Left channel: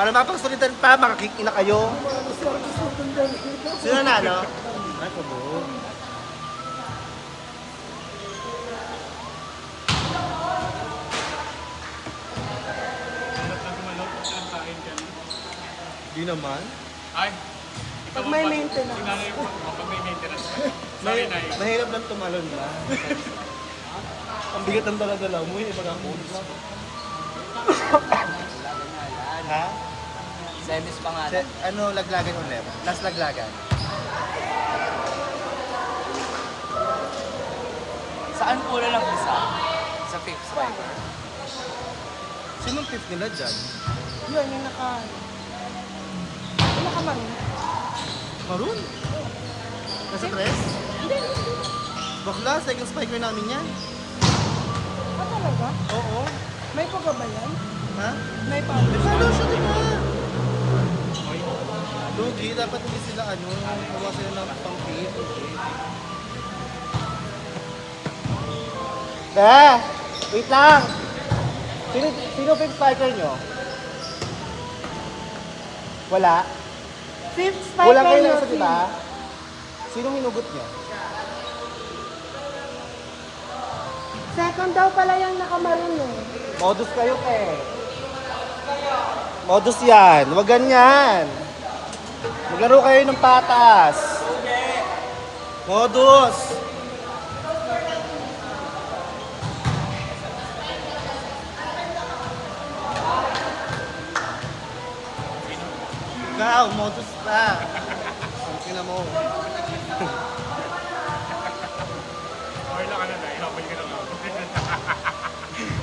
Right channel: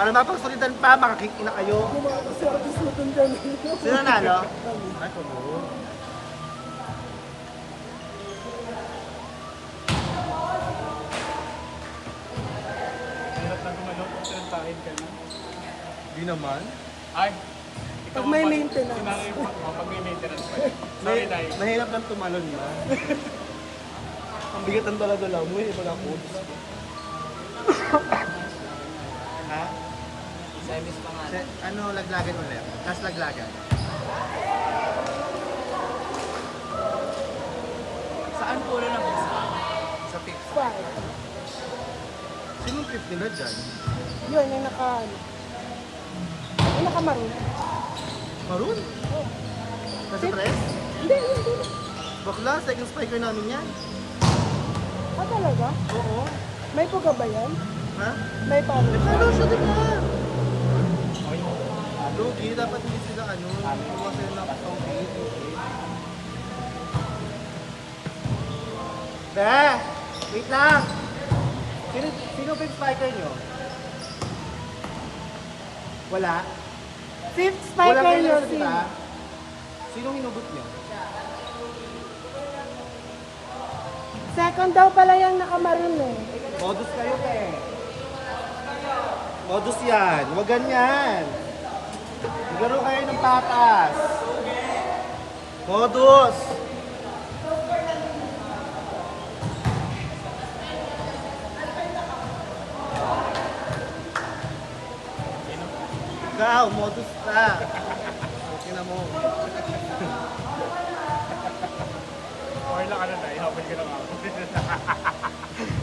Para mapagsulitan pa, makakick na kayo. Sino nanalo? Ay, pabog. Di naman. Ay, Pag may maintenance. pag may maintenance. Mahirap lang tumalon ma. Ang bigat ng dala-dala mo eh, pag ako. Ha? Semis pa nga. Ano laglagan ulit? Last laglagan. Saan ulo lang isa? Sa fifth striker. Sinong fifth nila dyan? Yun, yung nakamaroon. Maroon? Nasa tres? Bakla, second spiker namin yan. Talaga? Oo. May kuba ba yan? Ha? May Eh, publish. paano siya diba? Lugi, dapat hindi sila gumawa sila ng pang-feed. Wait lang! Sino fifth spiker nyo? Wala? Fifth sniper. Wala kayo lang sa diba? Sino hinugot nyo? Second daw pala yung nakamaroon nun. Modus kayo, pe. Modus yan. Huwag ganyan. Maglaro kayo ng patas. Modus. Ikaw, modus pa. Ang tina mo. Or na ano na, inabay ka na nga.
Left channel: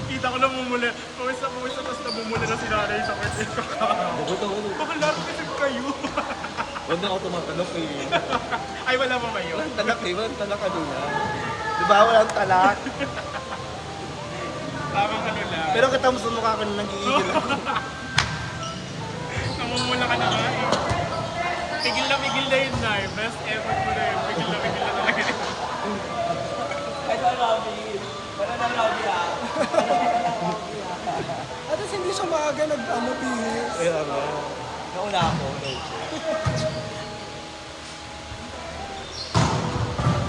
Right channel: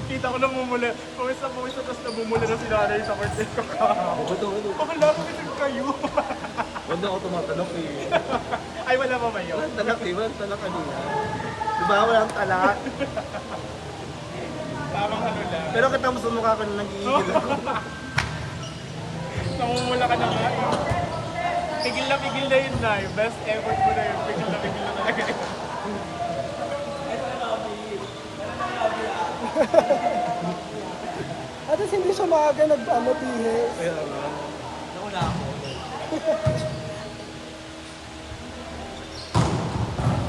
Kita ko na bumuli. Pumisa, tapos na bumuli na sila na sa kwento ko. Buto. Wala kayo. Huwag na ako tumatalok eh. Ay, wala pa ba yun? Walang talak eh. Walang talak ano yan. Diba walang talak? Parang ano lang. Pero kita mo sa mukha ko na nag-iigil ako. Namumula ka na nga. Tigil na yun na. Best effort mo na yun. Tigil na talaga. Ito lobby. Wala na lobby ah. At least hindi siya maaga nag-bihis. Kaya nga. Nauna ako.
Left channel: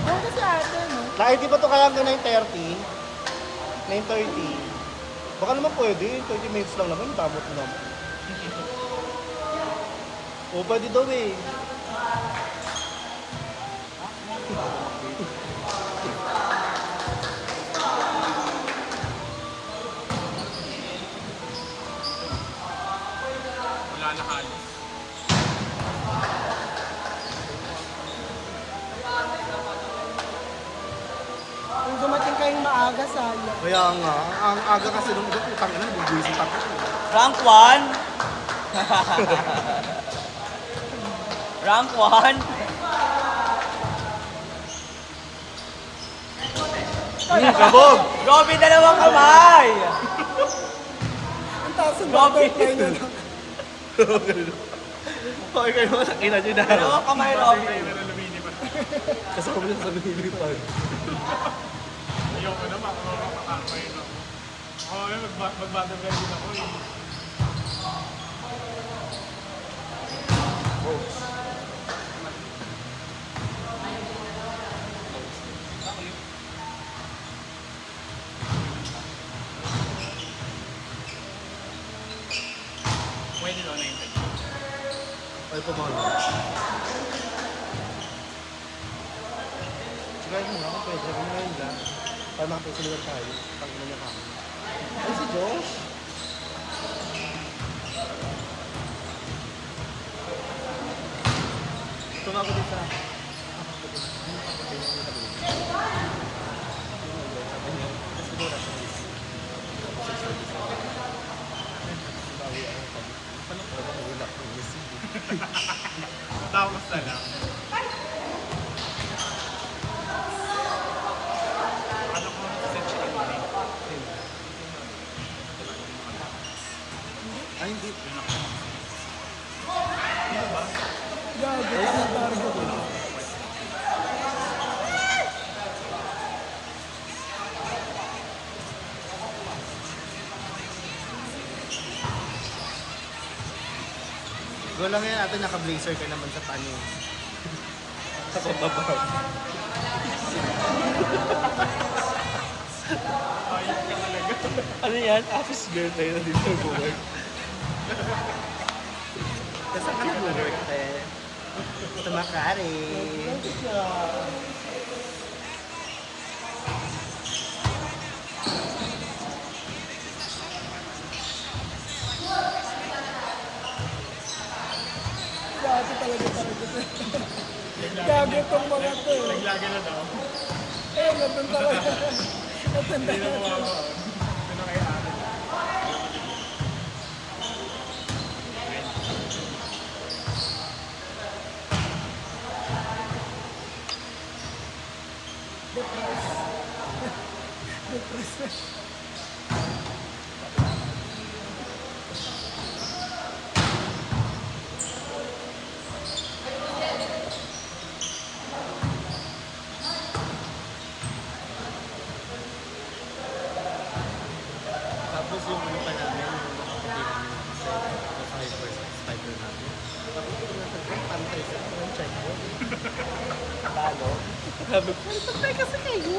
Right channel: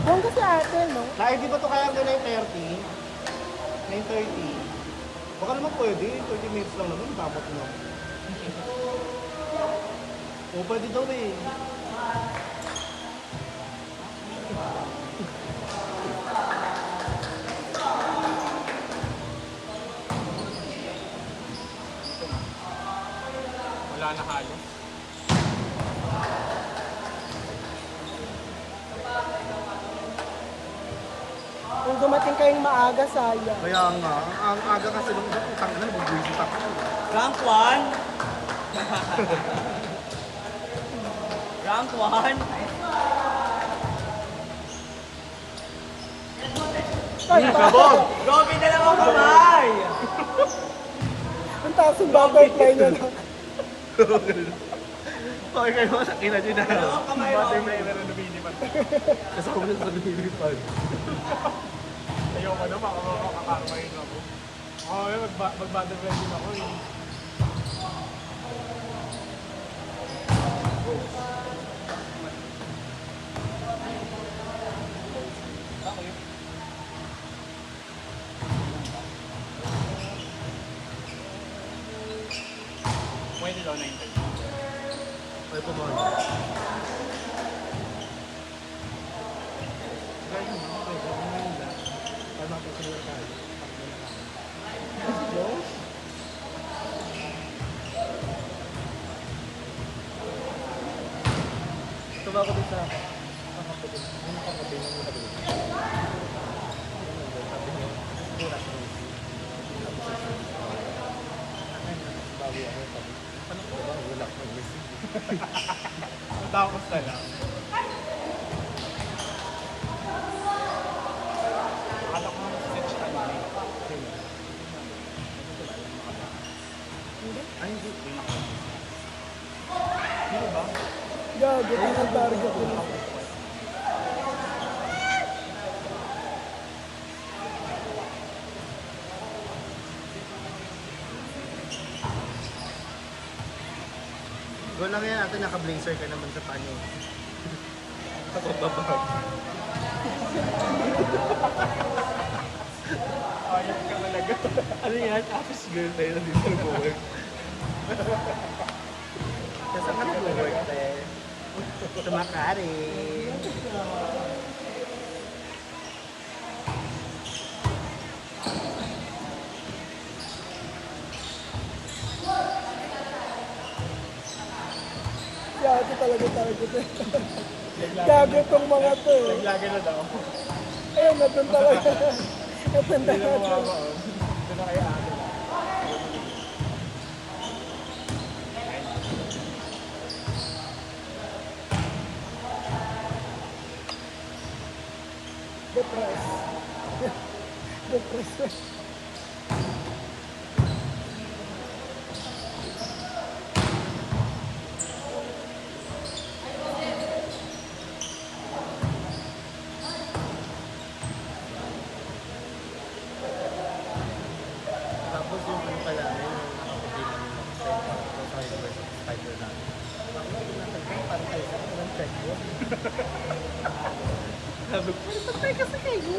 Ano kasi ate, no? Di ba ito kaya hanggang 9:30? 9:30. Baka naman pwede. 20 minutes lang naman. Tamot naman. O, pwede daw eh. Wala na halos. Kung dumating kayong maaga, sayang. Kaya nga. Ang aga kasi nung utang na, nabubwisit ako. Rank 1. Rank 1. Kabog! Robby, dalawang kamay. Yung taas yung butterfly na lang. Okay kayo, sakina nyo na. Dalawang kamay, Robby. Kasama nyo sa lumilipad. Ayoko na, makakakain ako. Mag-mother din ako. Pwede daw na yun. Ay, pumalo. Sigay mo nga, pwede. Sabi nga nila. Para makapisulitan tayo. Pag may nakain. Ay, si Josh? Tumawa ko din sa nakaputi na. Yung nakaputi na yung nakadulo. Yung nandun, sabi niya, siguro nasa race. Tapos sa service ako. Bawi ako, sabi ko, paano ko ba? Wala kang message. Tapos na lang. Ano ko naman sa set kanina? Ay, hindi. Sino ba? Gago. Go lang yan, ate, naka-blazer ka naman sa panis. Sa pababag. Ano yan? Office girl tayo na dito nag-work. Kasi ka nag-work, te? Tumakari. Gago talaga tayo dito. Gago itong mga to. Naglagay na daw. Eh, napunta ko. Napunta Hindi na ko. mukha. Ito na kaya ate. Tapos yung ano pa namin, yung nakaputi namin lang sa tayo first spider namin. Bakla, pinasal ko, pantay sa ng checkbook. Ano? Sabi ko, pantay kasi kayo!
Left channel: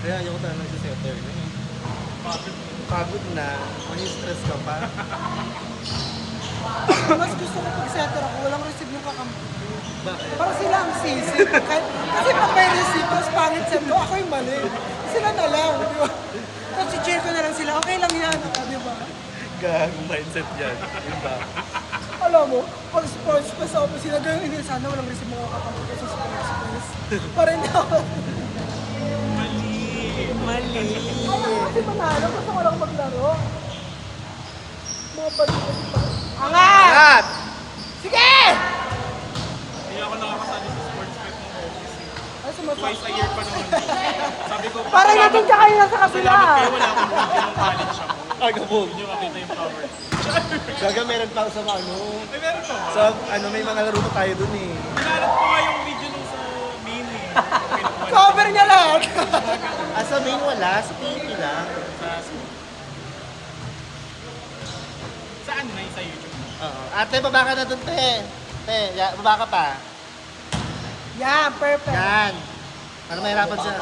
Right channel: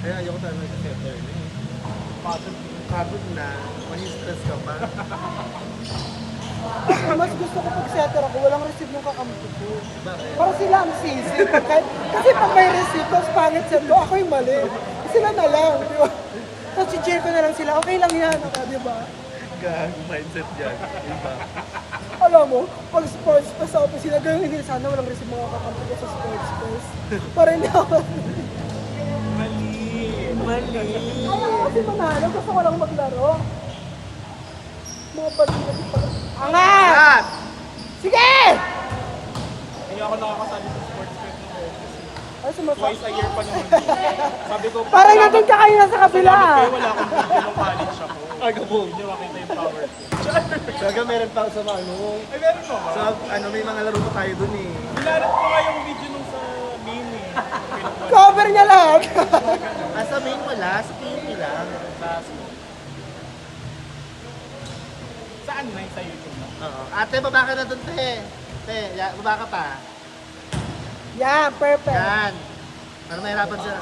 Kaya ayoko talaga nag-setter na eh. Pagod na, stress ka pa. Mas gusto ko pag-setter ako, walang receive yung kakampi ko. Bakit? Para sila ang sisi. Kasi pag may receive, tapos pangit set ko, ako yung mali. Sila na lang, di ba? Tapos i-cheer ko na lang sila, okay lang yan, di ba? Gagong mindset yan. Yun ba? Alam mo, pag sports pa sabi sila, ganyan hindi sana walang receive mga kakampi ko sa sports. Para hindi ako. Mali! Kasi manalo, gusto ko lang maglaro. Kat! Sige! Hindi ako nakakasali sa sports bet ng office. Ay, sumuka. Twice a year pa naman yun. Sabi ko, Parang natin ka kanina sa kabila. salamat kayo, wala akong video ng college ako. Ay, kabog! Hindi makita yung power. Gaga meron pa ako sa ano. Ay, meron pa ba? Sa ano, may mga laro pa tayo dun eh. Hinanap ko nga yung video nung sa mini. Cover niya lahat. Ah, sa main wala, sa PUP lang. Saan na sa YouTube na? Oo. Ate, baba ka na dun, te. Te, baba ka pa. Yeah, perfect. Yan. Para mahirapan siya.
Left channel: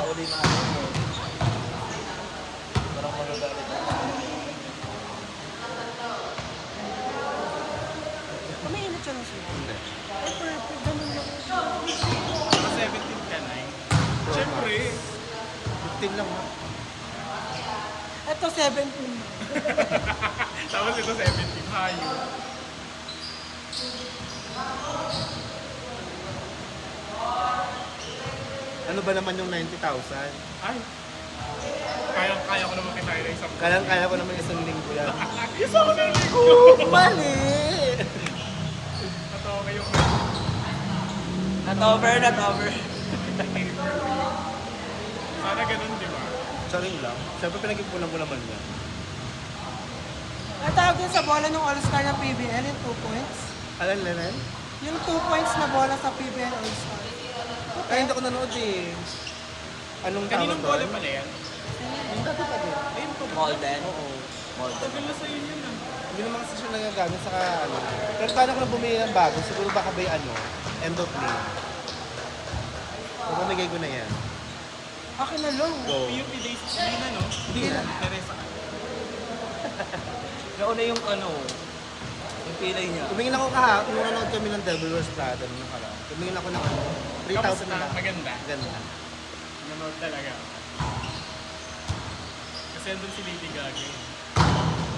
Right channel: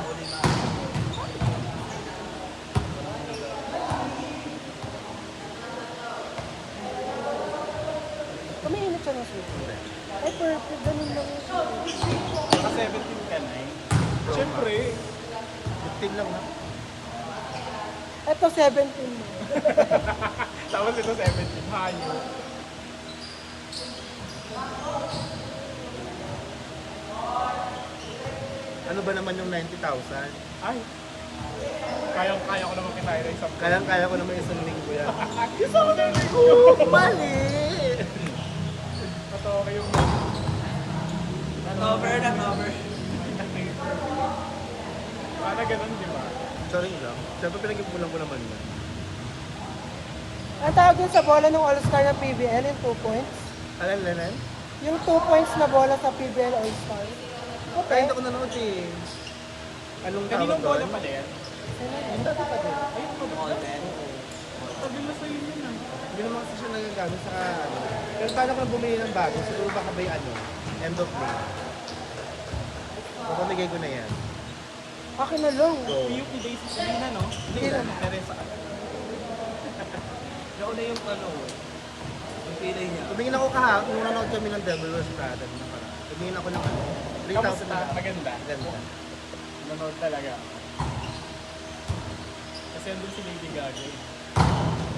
Umiinit siya ng suit. Hindi. Oh, perfect. Ganun lang. Naka 17 ka na eh. Pro Siyempre. Max. 15 lang ha. Ito 17 na. Tapos ito 17. Hayo. Ano ba naman yung 90,000? Ay. Kaya ko naman kinaya ng isang Kaya ko naman isang linggo yan. Isang linggo! Mali! Matawa kayong Not over, not over. sana ganun, di ba? Sorry lang. Siyempre pinag-ipunan ko naman yan. Ang tawag yun sa bola ng All-Star ng PBL, yung 2 points. Alam, Lenin? Yung 2 points na bola sa PBL All-Star. Kaya hindi ako nanood eh. Anong tawag Kaninang bola doon? pala yan? Yung dati pa din. Ayun pa ba? Golden. Oo. Pagdala sa inyo yun. Hindi naman kasi siya nagagamit sa ano. Pero paano ko na bumili ng bago? Siguro baka ba yung ano? End of May. Papamigay ko na yan. Akin na lang. Go. PUP days hindi na, no? Hindi na. Kaya sa Nauna yung ano, yung pilay niya. Tumingin ako kahapon, nung nanood kami ng Devil Wears Prada nung nakaraan. Tumingin ako ng ano, 3,000 na lang. Maganda. Ganda. Nanood talaga. Kasi doon si Lady Gaga.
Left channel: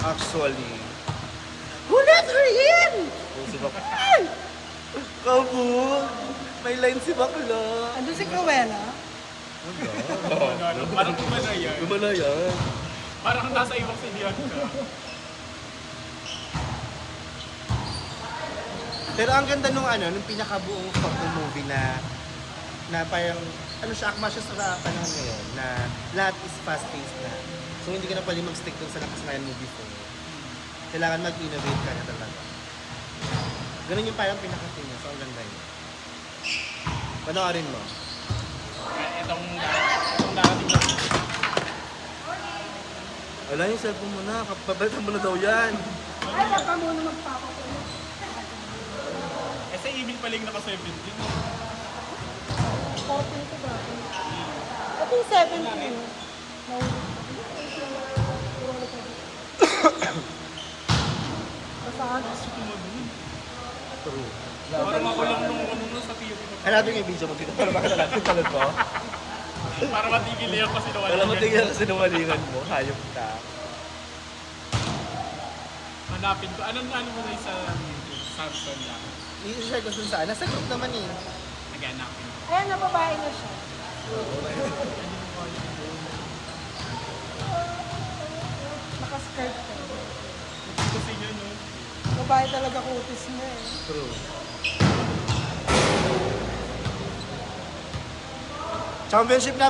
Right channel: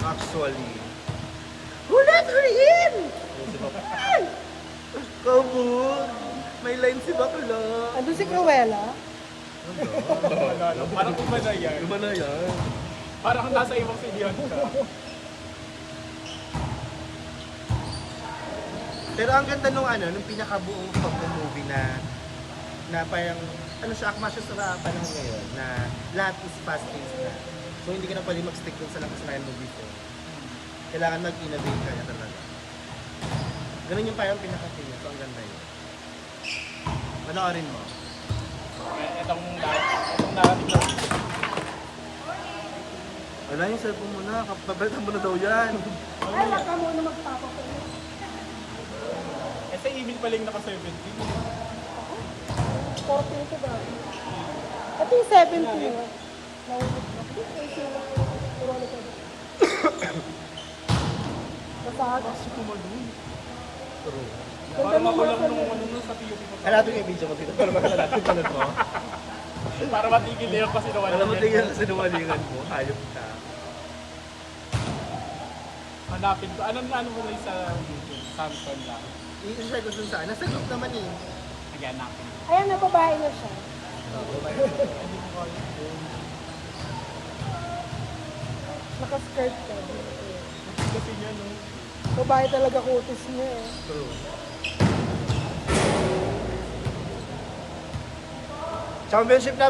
Actually. Who let her in? Oh, si Bakla. Kabog! May line si Bakla. Andi si Cruella. Wala. Parang iba na yan. Luma na yan. Parang nasa ibang sidihan siya. Pero ang ganda nung ano, nung pinakabuong pag-movie na parang, ano siya, akma siya sa panahon ngayon, na lahat is fast-paced na. So hindi ka na pwede mag-stick dun sa nakasanayan mo before. Kailangan mag-innovate ka na talaga. Ganun yung parang pinaka-scene niya. So, ang ganda yun. Panoorin mo. Itong narrative. Wala yung cellphone mo na. Papalitan mo na daw yan. Kasi email pa lang naka 17. Ito yung 17. True. Para makulang nung ano sa PUP. Hanapin yung video mo dito para makalalapin pala ko. Para matigil na yung kasi naman. Wala mo tingnan sa sinumalingan mo. Hayop ka. Hanapin ko. Anong ano mo na sa YouTube? Samson lang. I-share ko saan. Nasa group naman eh. Sige, hanapin ko. Ayan, napabahay na siya. Oo, babae na siya. Nakaskirt ka. Kasi nga no. Babae talaga kutis mo. True. Championship na